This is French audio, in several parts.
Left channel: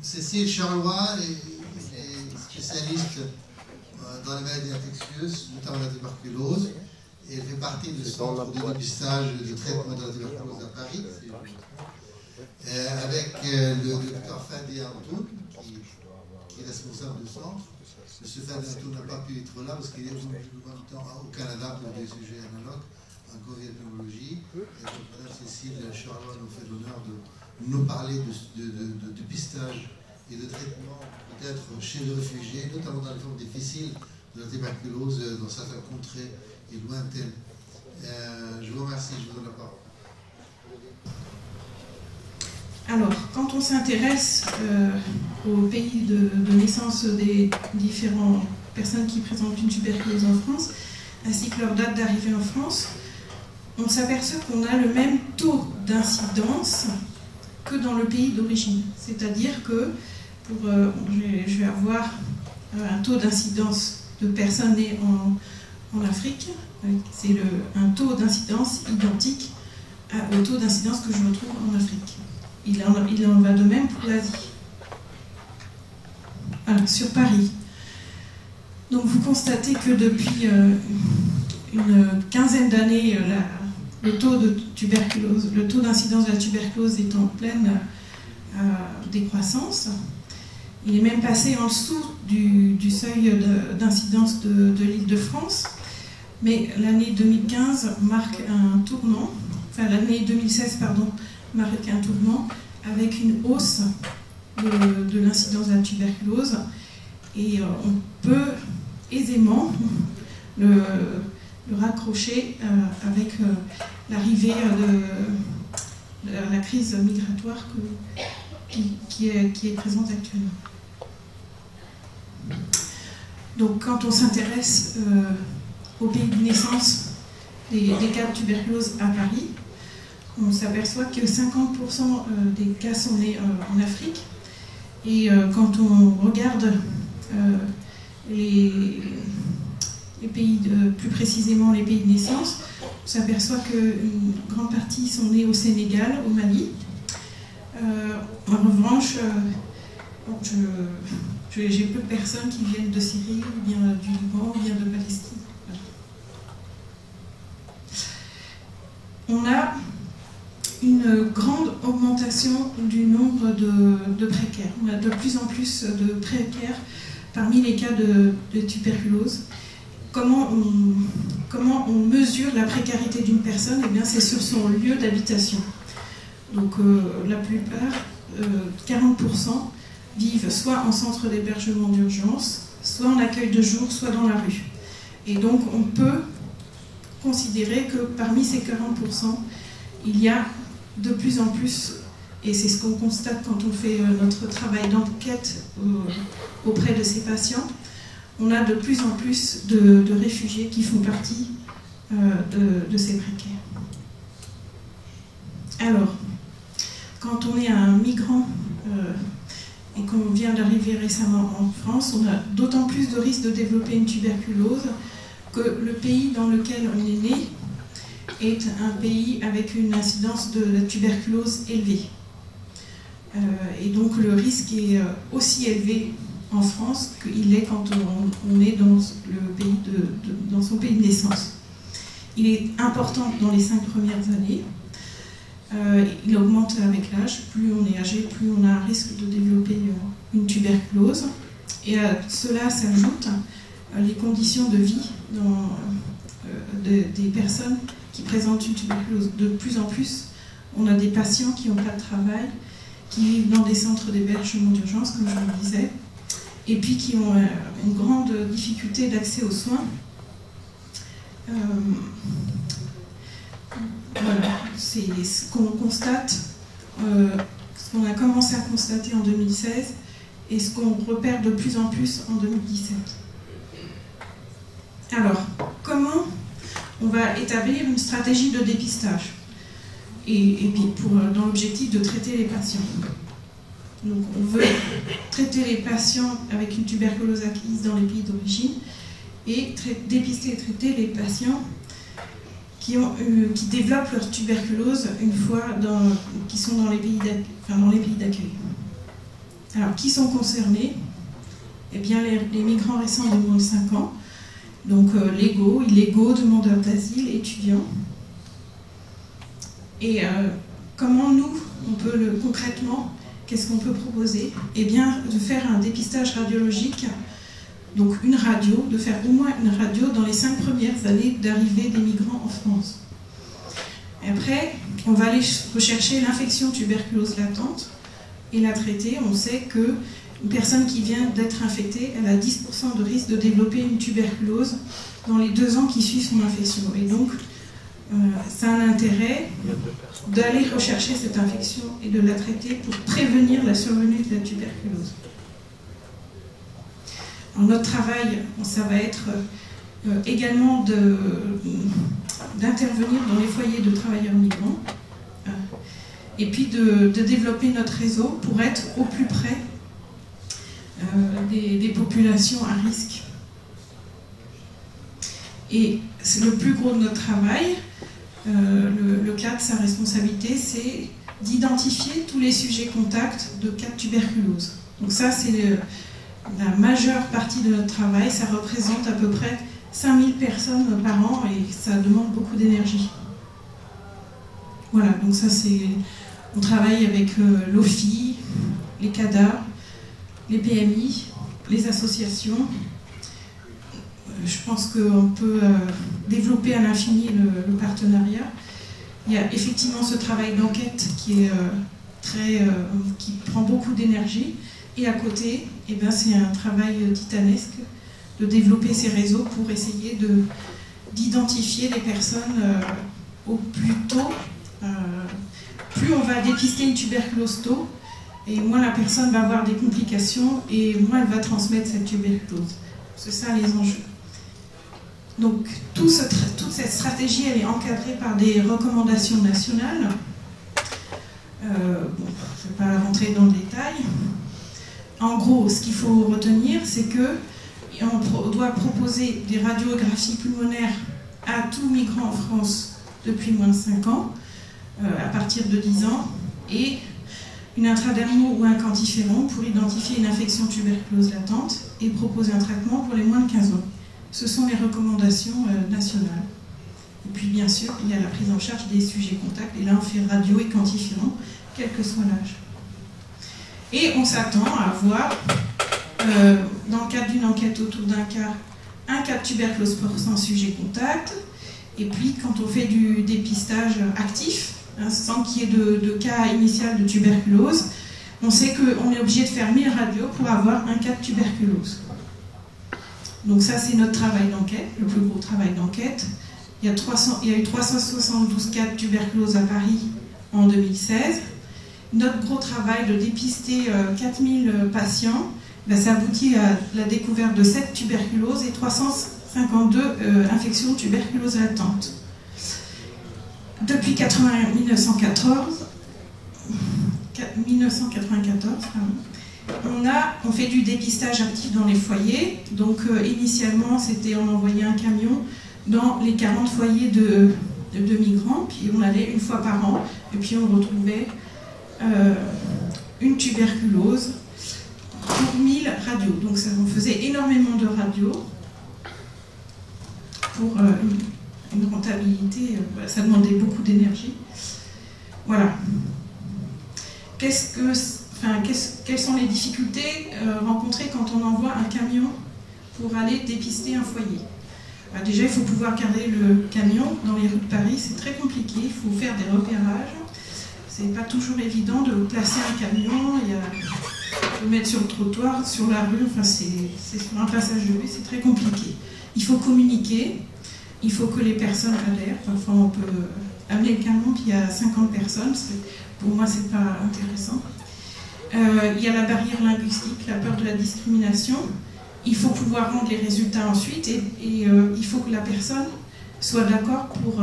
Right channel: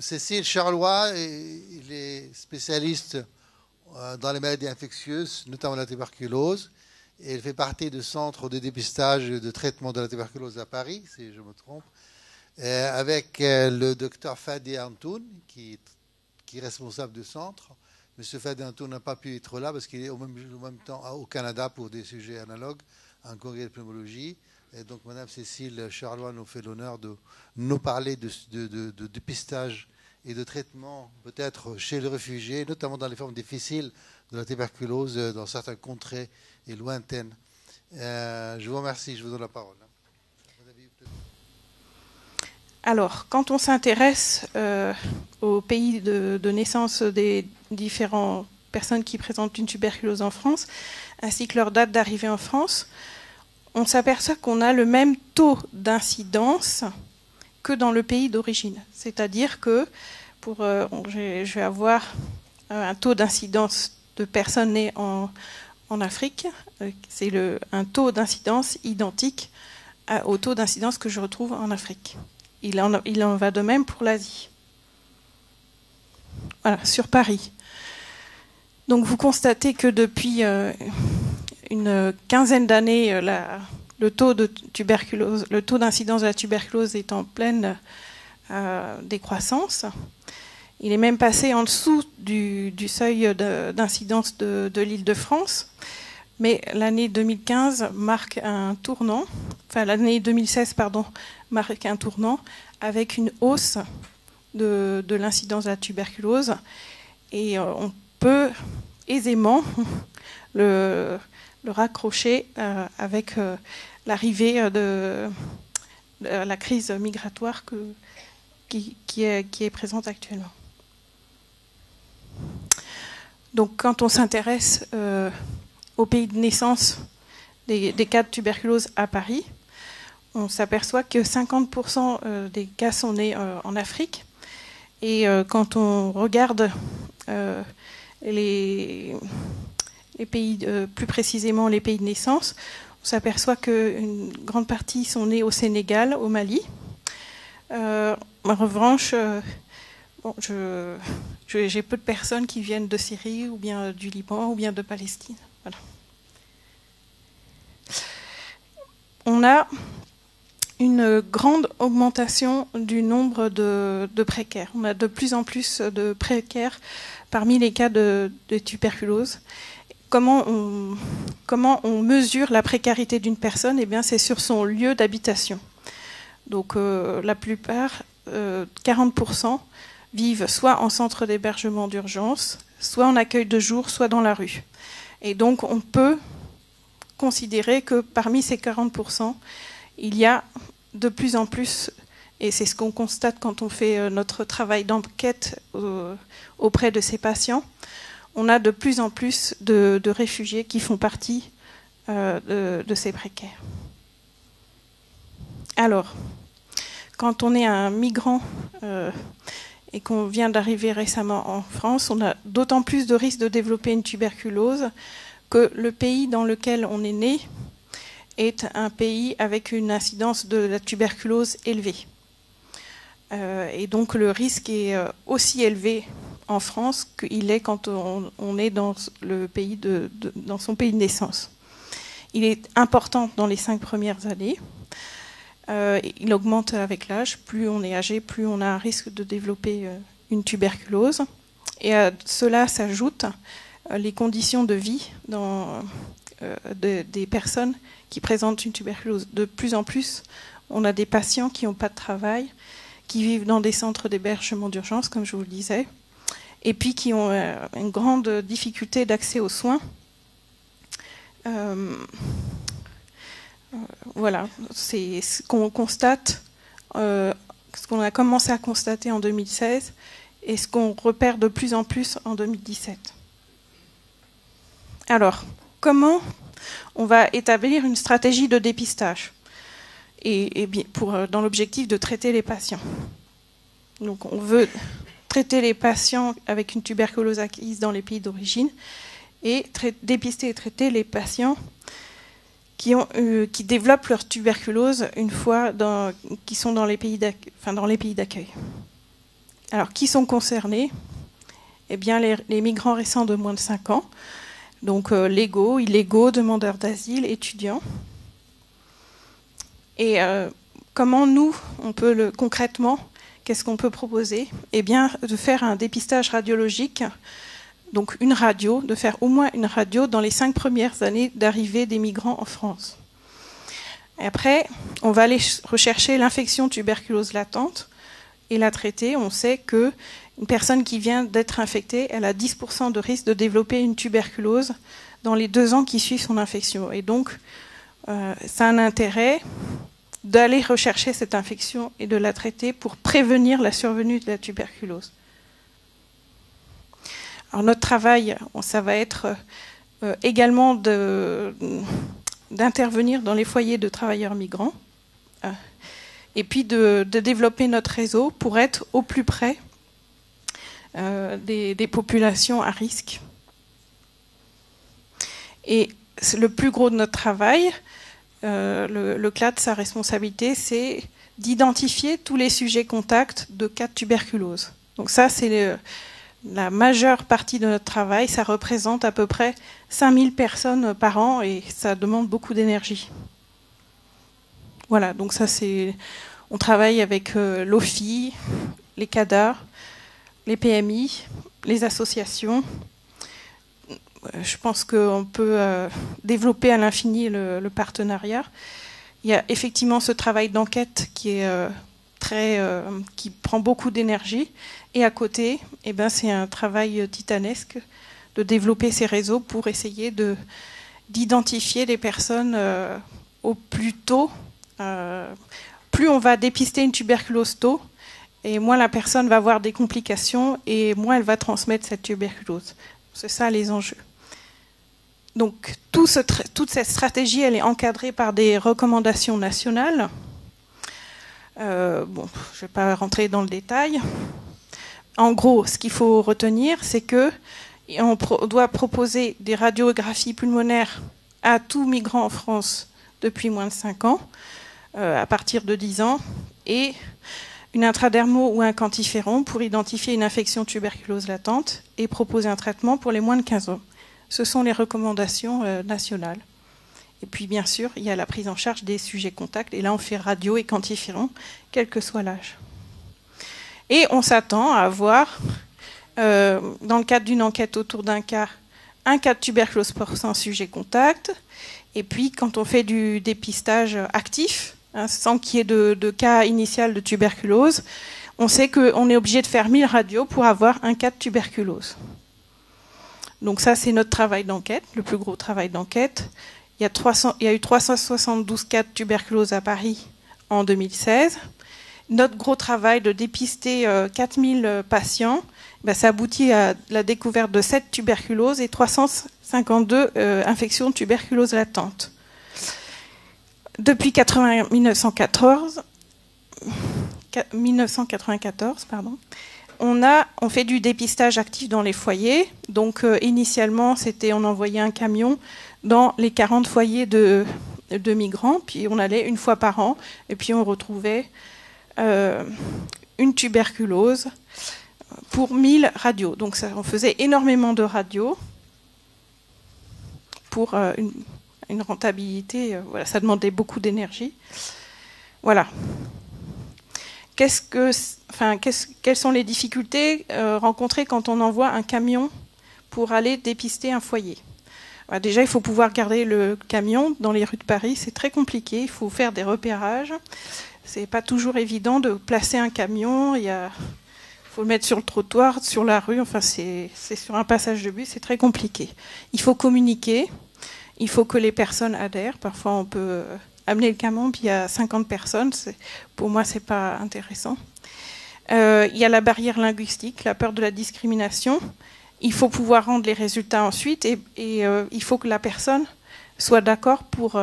Cécile Charlois est spécialiste dans les maladies infectieuses, notamment la tuberculose. Et elle fait partie du centre de dépistage et de traitement de la tuberculose à Paris, si je me trompe, avec le docteur Fadi Antoun, qui est responsable du centre. M. Fadi Antoun n'a pas pu être là parce qu'il est en même temps au Canada pour des sujets analogues, un congrès de pneumologie. Et donc, Mme Cécile Charlois nous fait l'honneur de nous parler de dépistage et de traitement, peut-être chez les réfugiés, notamment dans les formes difficiles de la tuberculose dans certaines contrées et lointaines. Je vous remercie, je vous donne la parole. Alors, quand on s'intéresse au pays de naissance des différentes personnes qui présentent une tuberculose en France, ainsi que leur date d'arrivée en France, on s'aperçoit qu'on a le même taux d'incidence que dans le pays d'origine. C'est-à-dire que je vais avoir un taux d'incidence de personnes nées en Afrique, c'est un taux d'incidence identique au taux d'incidence que je retrouve en Afrique. Il en va de même pour l'Asie. Voilà, sur Paris. Donc vous constatez que depuis une quinzaine d'années, le taux d'incidence de la tuberculose est en pleine décroissance. Il est même passé en dessous du seuil d'incidence de l'Île-de-France. Mais l'année 2015 marque un tournant, enfin l'année 2016, pardon, marque un tournant avec une hausse de l'incidence de la tuberculose. Et on peut aisément le raccrocher avec l'arrivée de la crise migratoire qui est présente actuellement. Donc quand on s'intéresse au pays de naissance des cas de tuberculose à Paris, on s'aperçoit que 50% des cas sont nés en Afrique. Et quand on regarde les pays, plus précisément les pays de naissance, on s'aperçoit qu'une grande partie sont nés au Sénégal, au Mali. En revanche, j'ai peu de personnes qui viennent de Syrie, ou bien du Liban, ou bien de Palestine. Voilà. On a une grande augmentation du nombre de précaires. On a de plus en plus de précaires parmi les cas de tuberculose. Comment on mesure la précarité d'une personne? Eh bien, c'est sur son lieu d'habitation. Donc, la plupart, 40%, vivent soit en centre d'hébergement d'urgence, soit en accueil de jour, soit dans la rue. Et donc, on peut considérer que parmi ces 40%, il y a de plus en plus, et c'est ce qu'on constate quand on fait notre travail d'enquête auprès de ces patients, on a de plus en plus de réfugiés qui font partie de ces précaires. Alors, quand on est un migrant et qu'on vient d'arriver récemment en France, on a d'autant plus de risques de développer une tuberculose que le pays dans lequel on est né est un pays avec une incidence de la tuberculose élevée. Et donc le risque est aussi élevé en France qu'il est quand on est dans son pays de naissance. Il est important dans les 5 premières années. Il augmente avec l'âge. Plus on est âgé, plus on a un risque de développer une tuberculose. Et à cela s'ajoutent les conditions de vie des personnes qui présentent une tuberculose. De plus en plus, on a des patients qui n'ont pas de travail, qui vivent dans des centres d'hébergement d'urgence, comme je vous le disais, et puis qui ont une grande difficulté d'accès aux soins. Voilà, c'est ce qu'on constate, ce qu'on a commencé à constater en 2016 et ce qu'on repère de plus en plus en 2017. Alors, comment on va établir une stratégie de dépistage et dans l'objectif de traiter les patients? Donc, on veut traiter les patients avec une tuberculose acquise dans les pays d'origine et dépister et traiter les patients qui développent leur tuberculose une fois qu'ils sont dans les pays d'accueil. Alors, qui sont concernés? Eh bien, les migrants récents de moins de 5 ans, donc légaux, illégaux, demandeurs d'asile, étudiants. Et comment nous, on peut concrètement, qu'est-ce qu'on peut proposer? Eh bien, de faire un dépistage radiologique, donc une radio, de faire au moins une radio dans les 5 premières années d'arrivée des migrants en France. Et après, on va aller rechercher l'infection tuberculose latente et la traiter. On sait qu'une personne qui vient d'être infectée, elle a 10% de risque de développer une tuberculose dans les 2 ans qui suivent son infection. Et donc, ça a un intérêt d'aller rechercher cette infection et de la traiter pour prévenir la survenue de la tuberculose. Alors notre travail, ça va être également d'intervenir dans les foyers de travailleurs migrants et puis de développer notre réseau pour être au plus près des populations à risque. Et le plus gros de notre travail, le CLAD, sa responsabilité, c'est d'identifier tous les sujets contacts de cas de tuberculose. Donc ça, c'est la majeure partie de notre travail. Ça représente à peu près 5000 personnes par an et ça demande beaucoup d'énergie. Voilà, donc ça c'est... On travaille avec l'OFI, les CADA, les PMI, les associations. Je pense qu'on peut développer à l'infini le partenariat. Il y a effectivement ce travail d'enquête qui prend beaucoup d'énergie. Et à côté, eh ben, c'est un travail titanesque de développer ces réseaux pour essayer d'identifier les personnes au plus tôt. Plus on va dépister une tuberculose tôt, et moins la personne va avoir des complications et moins elle va transmettre cette tuberculose. C'est ça les enjeux. Donc toute cette stratégie, elle est encadrée par des recommandations nationales. Je ne vais pas rentrer dans le détail. En gros, ce qu'il faut retenir, c'est qu'on doit proposer des radiographies pulmonaires à tout migrant en France depuis moins de 5 ans, à partir de 10 ans, et une intradermo ou un quantiféron pour identifier une infection tuberculose latente et proposer un traitement pour les moins de 15 ans. Ce sont les recommandations nationales. Et puis, bien sûr, il y a la prise en charge des sujets contacts, et là, on fait radio et quantiféron, quel que soit l'âge. Et on s'attend à avoir, dans le cadre d'une enquête autour d'un cas, un cas de tuberculose porcin sujet contact. Et puis, quand on fait du dépistage actif, sans qu'il y ait de cas initial de tuberculose, on sait qu'on est obligé de faire 1000 radios pour avoir un cas de tuberculose. Donc ça, c'est notre travail d'enquête, le plus gros travail d'enquête. Il y a eu 372 cas de tuberculose à Paris en 2016. Notre gros travail de dépister 4000 patients, ça aboutit à la découverte de 7 tuberculoses et 352 infections de tuberculose latente. Depuis 1994, on fait du dépistage actif dans les foyers. Donc initialement, on envoyait un camion dans les 40 foyers de migrants, puis on allait une fois par an, et puis on retrouvait une tuberculose pour 1000 radios. Donc on faisait énormément de radios pour une rentabilité. Voilà, ça demandait beaucoup d'énergie. Voilà. Quelles sont les difficultés rencontrées quand on envoie un camion pour aller dépister un foyer? Déjà, il faut pouvoir garder le camion dans les rues de Paris. C'est très compliqué. Il faut faire des repérages. C'est pas toujours évident de placer un camion. Il faut le mettre sur le trottoir, sur la rue. Enfin, c'est sur un passage de bus. C'est très compliqué. Il faut communiquer. Il faut que les personnes adhèrent. Parfois, on peut amener le camion, puis il y a 50 personnes. Pour moi, c'est pas intéressant. Il y a la barrière linguistique, la peur de la discrimination. Il faut pouvoir rendre les résultats ensuite et il faut que la personne soit d'accord pour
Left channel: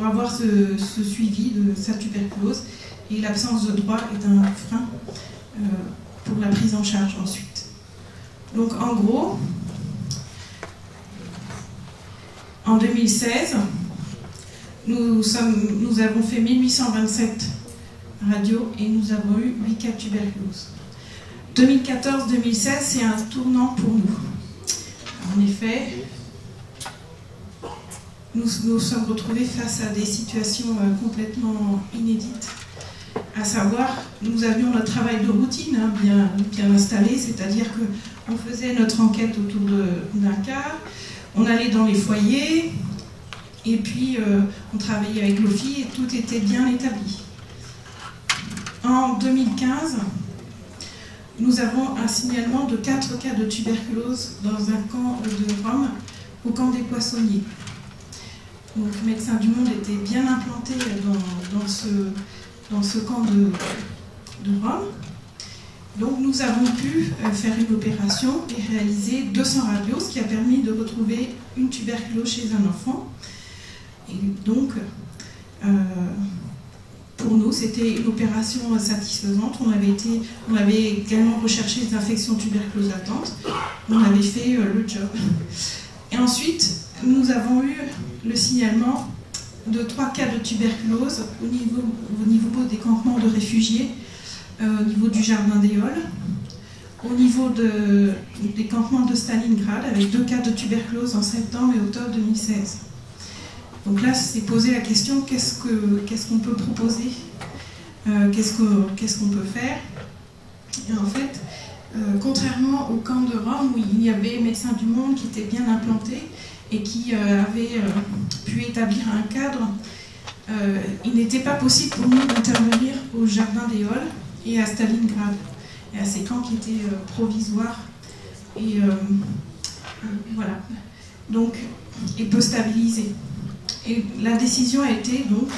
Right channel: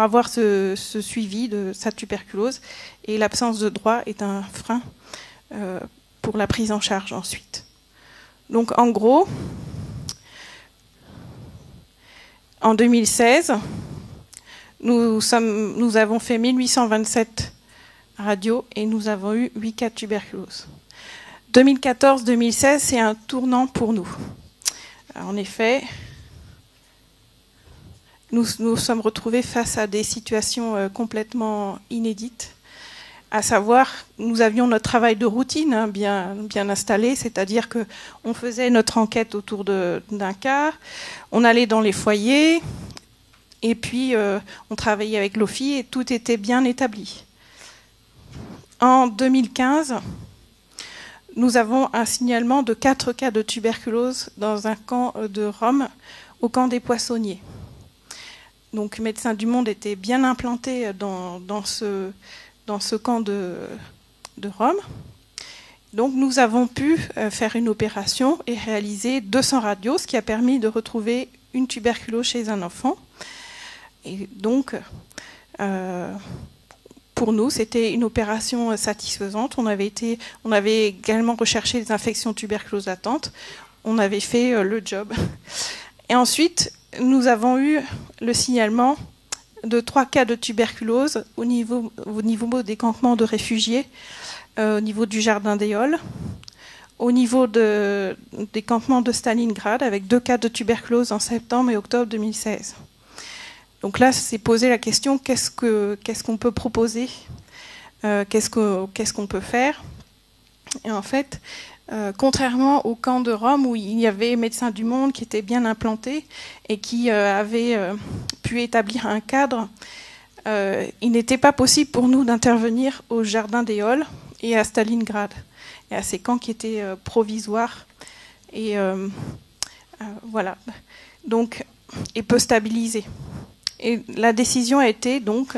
avoir ce suivi de sa tuberculose. Et l'absence de droit est un frein pour la prise en charge ensuite. Donc en gros, en 2016, nous avons fait 1827 radios et nous avons eu 8 cas de tuberculose. 2014-2016, c'est un tournant pour nous. Alors, en effet, nous sommes retrouvés face à des situations complètement inédites. À savoir, nous avions notre travail de routine bien installé, c'est-à-dire qu'on faisait notre enquête autour d'un cas, on allait dans les foyers, et puis on travaillait avec l'OFI et tout était bien établi. En 2015, nous avons un signalement de 4 cas de tuberculose dans un camp de Rome, au camp des Poissonniers. Donc Médecins du Monde était bien implanté dans ce camp de Rome. Donc nous avons pu faire une opération et réaliser 200 radios, ce qui a permis de retrouver une tuberculose chez un enfant. Et donc, pour nous, c'était une opération satisfaisante. On avait également recherché les infections tuberculose latentes. On avait fait le job. Et ensuite, nous avons eu le signalement de 3 cas de tuberculose au niveau des campements de réfugiés, au niveau du jardin des Halles, au niveau des campements de Stalingrad, avec 2 cas de tuberculose en septembre et octobre 2016. Donc là, c'est posé la question, qu'est-ce qu'on peut proposer, qu'est-ce qu'on peut faire. Et en fait, contrairement au camp de Rome, où il y avait Médecins du Monde qui étaient bien implantés et qui avaient pu établir un cadre, il n'était pas possible pour nous d'intervenir au jardin des Halles et à Stalingrad, et à ces camps qui étaient provisoires et voilà, donc, et peu stabilisés. Et la décision a été donc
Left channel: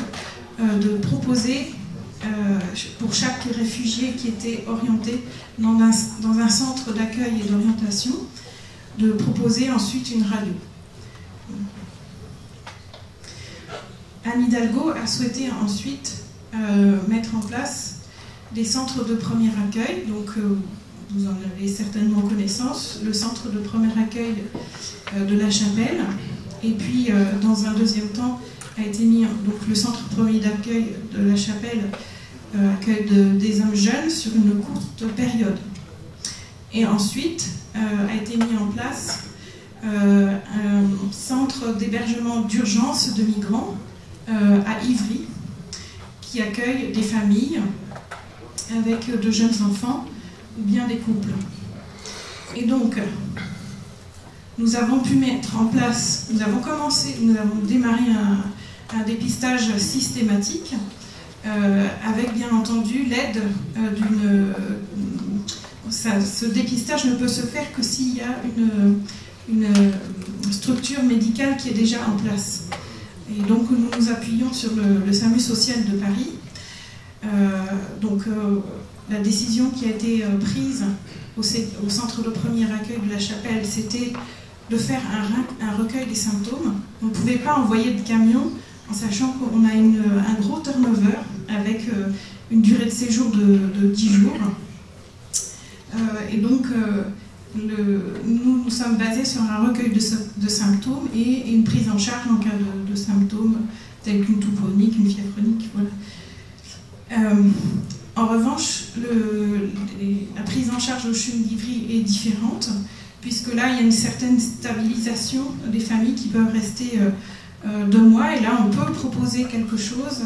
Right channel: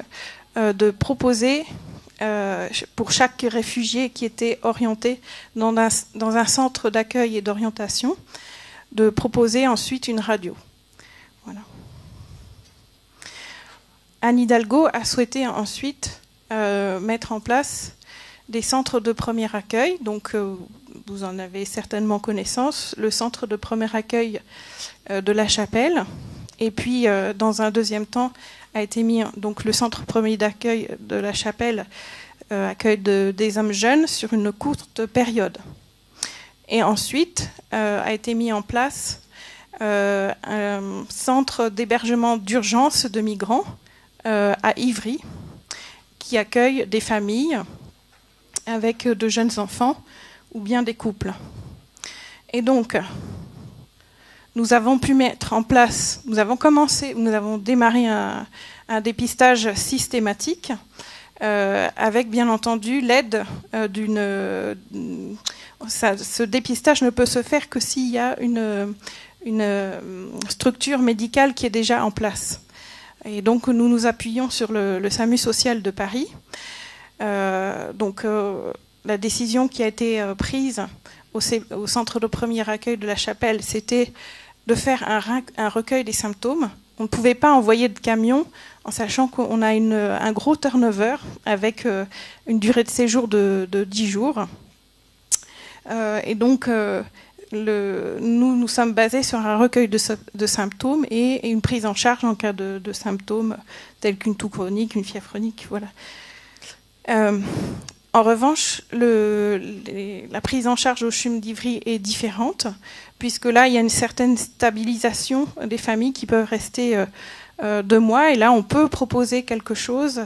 de proposer pour chaque réfugié qui était orienté dans un centre d'accueil et d'orientation, de proposer ensuite une radio. Voilà. Anne Hidalgo a souhaité ensuite mettre en place des centres de premier accueil. Donc, vous en avez certainement connaissance, le centre de premier accueil de La Chapelle. Et puis, dans un deuxième temps, a été mis donc, le centre premier d'accueil de La Chapelle, accueil des hommes jeunes sur une courte période. Et ensuite, a été mis en place un centre d'hébergement d'urgence de migrants à Ivry, qui accueille des familles avec de jeunes enfants ou bien des couples. Et donc, nous avons pu mettre en place, nous avons démarré un dépistage systématique avec bien entendu l'aide ce dépistage ne peut se faire que s'il y a une structure médicale qui est déjà en place. Et donc nous nous appuyons sur le SAMU social de Paris. La décision qui a été prise au centre de premier accueil de La Chapelle, c'était de faire un recueil des symptômes. On ne pouvait pas envoyer de camion en sachant qu'on a un gros turnover avec une durée de séjour de 10 jours. Et donc, nous sommes basés sur un recueil de symptômes et une prise en charge en cas de symptômes tels qu'une toux chronique, une fièvre chronique. Voilà. En revanche, la prise en charge au CHUM d'Ivry est différente, puisque là, il y a une certaine stabilisation des familles qui peuvent rester 2 mois, et là, on peut proposer quelque chose.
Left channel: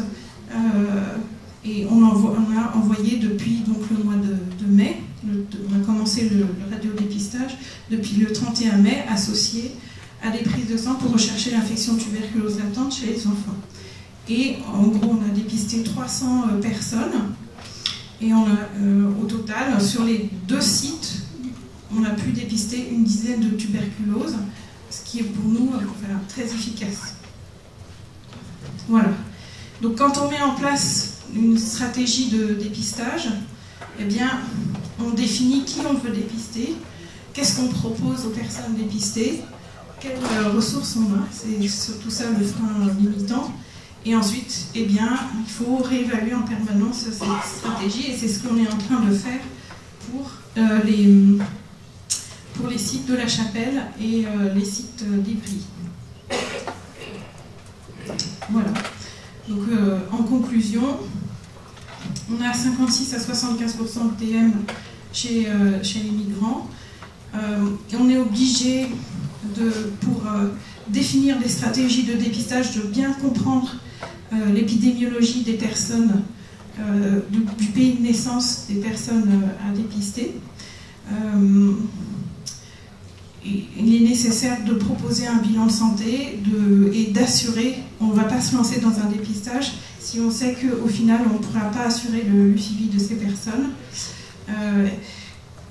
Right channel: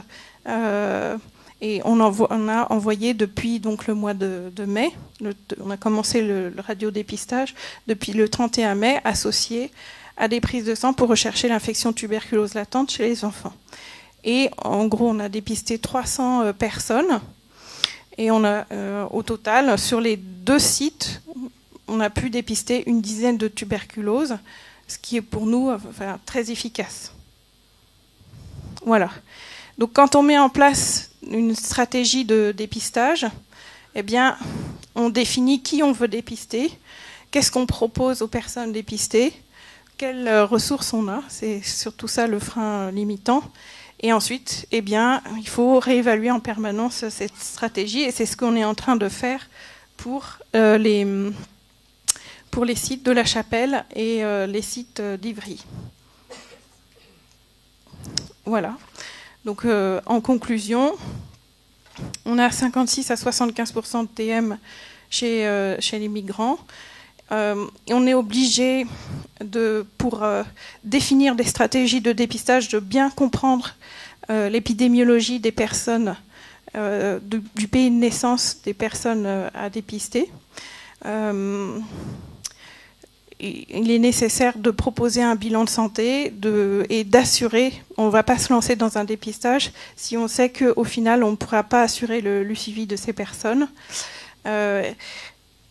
Et on a envoyé depuis donc, le mois de mai, on a commencé le radiodépistage depuis le 31 mai, associé à des prises de sang pour rechercher l'infection tuberculose latente chez les enfants. Et en gros, on a dépisté 300 personnes. Et on a, au total, sur les 2 sites, on a pu dépister une dizaine de tuberculoses, ce qui est pour nous très efficace. Voilà. Donc quand on met en place une stratégie de dépistage, eh bien, on définit qui on veut dépister, qu'est-ce qu'on propose aux personnes dépistées, quelles ressources on a, c'est surtout ça le frein limitant. Et ensuite, eh bien, il faut réévaluer en permanence cette stratégie, et c'est ce qu'on est en train de faire pour les sites de La Chapelle et les sites d'Ivry. Voilà. Donc, en conclusion, on a 56 à 75% de TM chez les migrants. Et on est obligé, pour définir des stratégies de dépistage, de bien comprendre l'épidémiologie des personnes, du pays de naissance des personnes à dépister. Il est nécessaire de proposer un bilan de santé et d'assurer, on ne va pas se lancer dans un dépistage si on sait qu'au final on ne pourra pas assurer le suivi de ces personnes.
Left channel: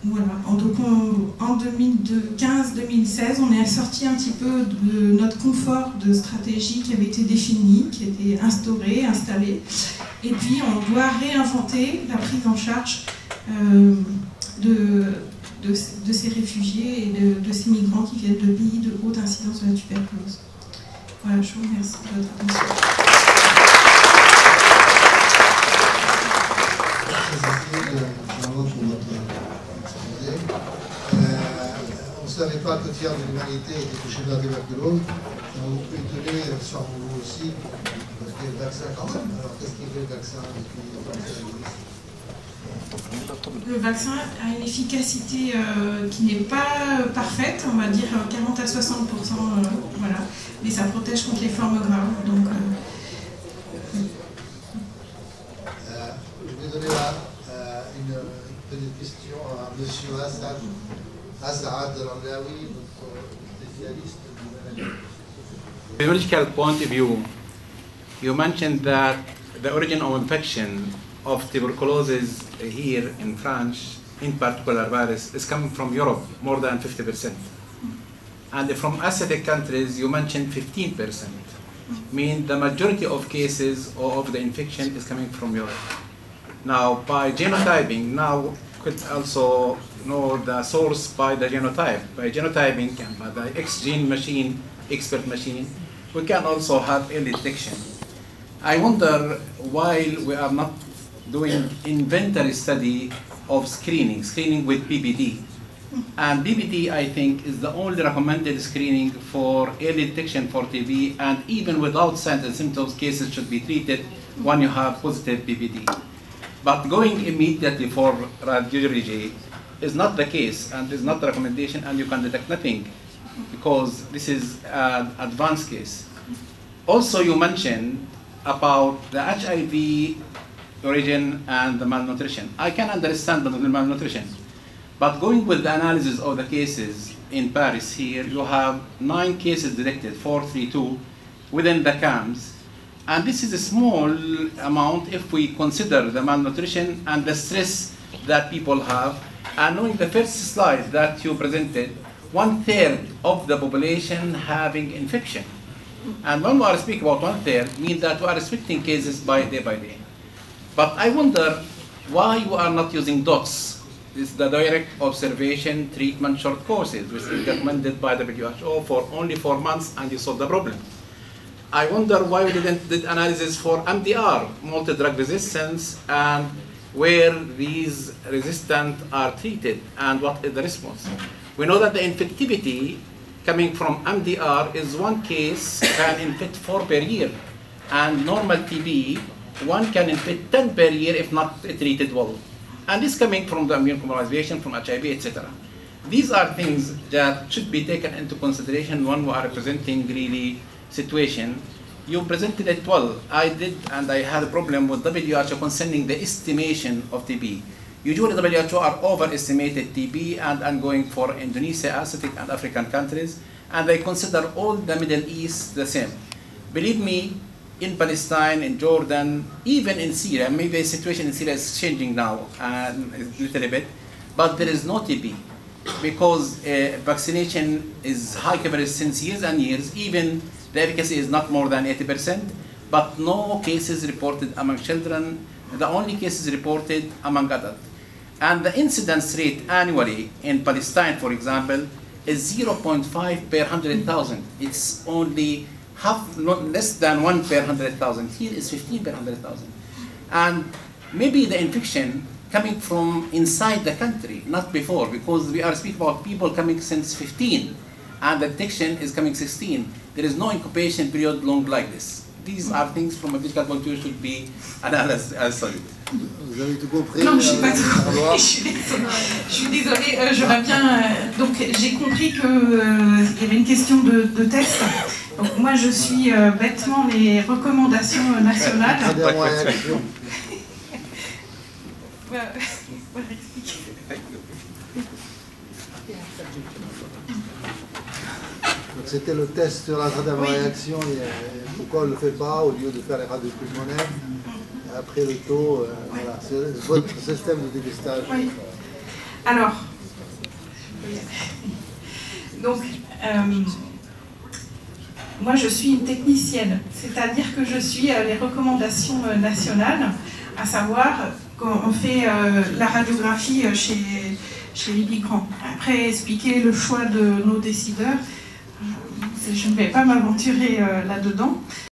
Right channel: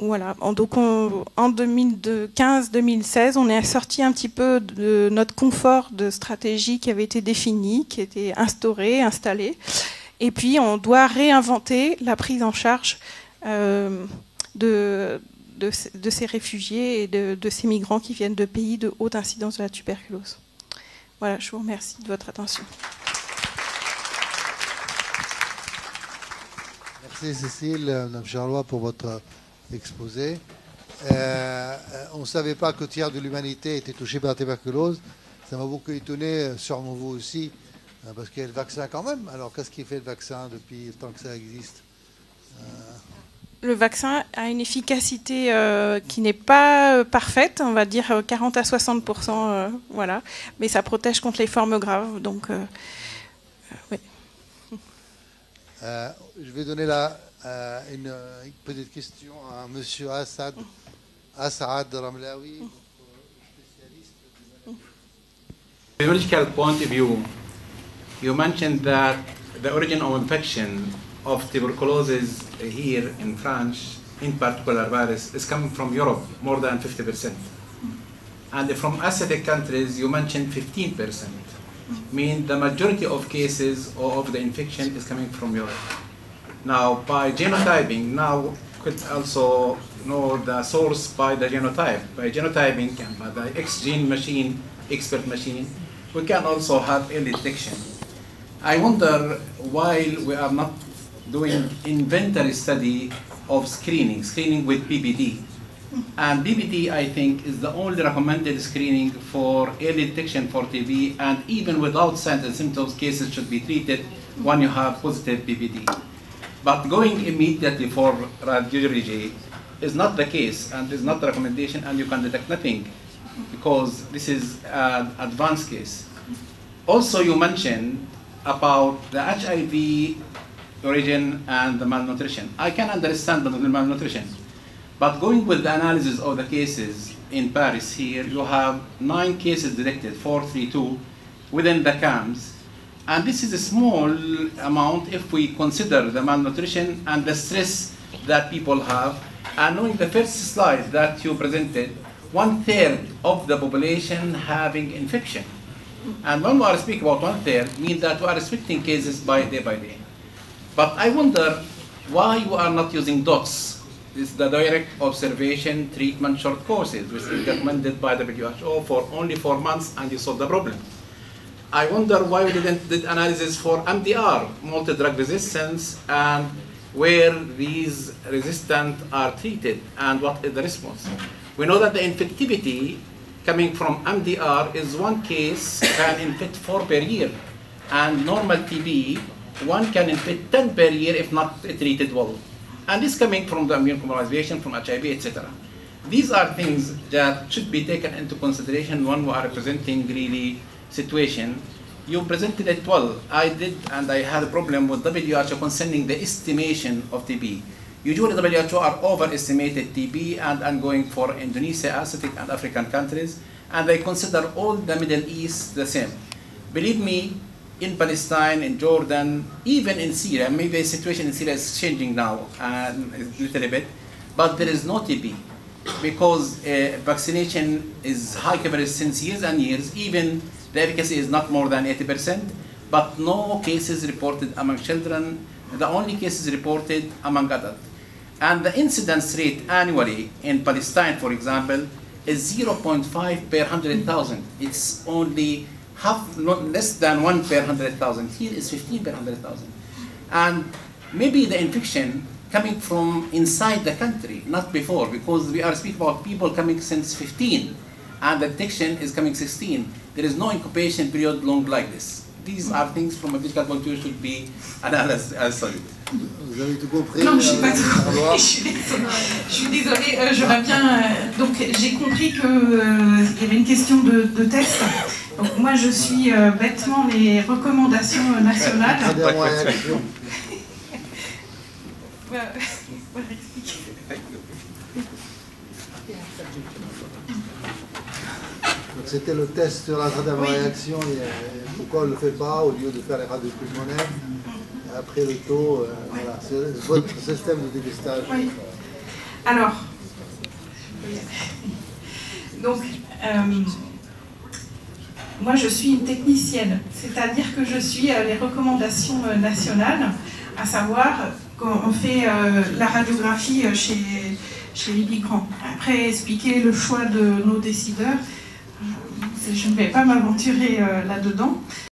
Voilà. Donc en 2015-2016, on est sorti un petit peu de notre confort de stratégie qui avait été définie, qui était installée. Et puis on doit réinventer la prise en charge de ces réfugiés et de ces migrants qui viennent de pays de haute incidence de la tuberculose. Voilà, je vous remercie de votre attention. Merci Cécile, bravo pour votre exposé. On ne savait pas que le tiers de l'humanité était touché par la tuberculose. Ça m'a beaucoup étonné, sûrement vous aussi, parce qu'il y a le vaccin quand même. Alors qu'est-ce qui fait le vaccin depuis que ça existe ? Le vaccin a une efficacité qui n'est pas parfaite, on va dire 40 à 60%, voilà. Mais ça protège contre les formes graves. Donc, oui. Je vais donner une petite question à M. Assaad Ramlaoui, notre spécialiste. Biological point of view, you mentioned that the origin of infection of tuberculosis here in France, in particular virus, is coming from Europe, more than 50%. And from Asiatic countries, you mentioned 15%. Mean the majority of cases of the infection is coming from Europe. Now, by genotyping, now could also know the source by the genotype. By genotyping and by the X-gene machine, expert machine, we can also have early detection. I wonder why we are not doing inventory study of screening with PBD. And PBD, I think, is the only recommended screening for early detection for TB, and even without signs and symptoms, cases should be treated when you have positive PBD. But going immediately for radiology is not the case, and is not the recommendation, and you can detect nothing, because this is an advanced case. Also, you mentioned about the HIV origin and the malnutrition. I can understand the malnutrition, but going with the analysis of the cases in Paris here, you have 9 cases detected, 432, within the camps. And this is a small amount if we consider the malnutrition and the stress that people have. And knowing the first slide that you presented, 1/3 of the population having infection. And when we are speaking about 1/3, means that we are restricting cases by day. But I wonder why we are not using DOTS. This is the direct observation treatment short courses, which is recommended by the WHO for only 4 months, and you solve the problem. I wonder why we didn't do analysis for MDR, multi-drug resistance, and where these resistance are treated, and what is the response. We know that the infectivity coming from MDR is 1 case can infect 4 per year, and normal TB, 1 can infect 10 per year if not treated well. And this coming from the immune compromisation, from HIV, etc. These are things that should be taken into consideration when we are representing really situation. You presented it well. I did, and I had a problem with WHO concerning the estimation of TB. Usually WHO are overestimated TB, and I'm going for Indonesia, Asiatic and African countries, and they consider all the Middle East the same. Believe me, in Palestine, in Jordan, even in Syria, maybe the situation in Syria is changing now a little bit, but there is no TB because vaccination is high coverage since years and years. Even the efficacy is not more than 80%, but no cases reported among children. The only cases reported among adults. And the incidence rate annually in Palestine, for example, is 0.5 per 100,000. It's only less than 1 per 100,000. Here is 15 per 100,000. And maybe the infection coming from inside the country, not before, because we are speaking about people coming since 15, and the detection is coming 16. There is no incubation period long like this. These are things from a medical point of view should be analyzed as studied. Vous avez tout compris? Non, je suis pas tout compris. Je suis désolée. J'aurais bien. Donc, j'ai compris qu'il y avait une question de texte. Donc, moi, je suis bêtement les recommandations nationales. C'était le test sur la réaction. Pourquoi on ne le fait pas au lieu de faire les radios pulmonaires? Après le taux, voilà, c'est votre système de dépistage. Oui. Alors, donc, moi je suis une technicienne, c'est-à-dire que je suis les recommandations nationales, à savoir qu'on fait la radiographie chez les migrants. Après, expliquer le choix de nos décideurs, je ne vais pas m'aventurer là-dedans.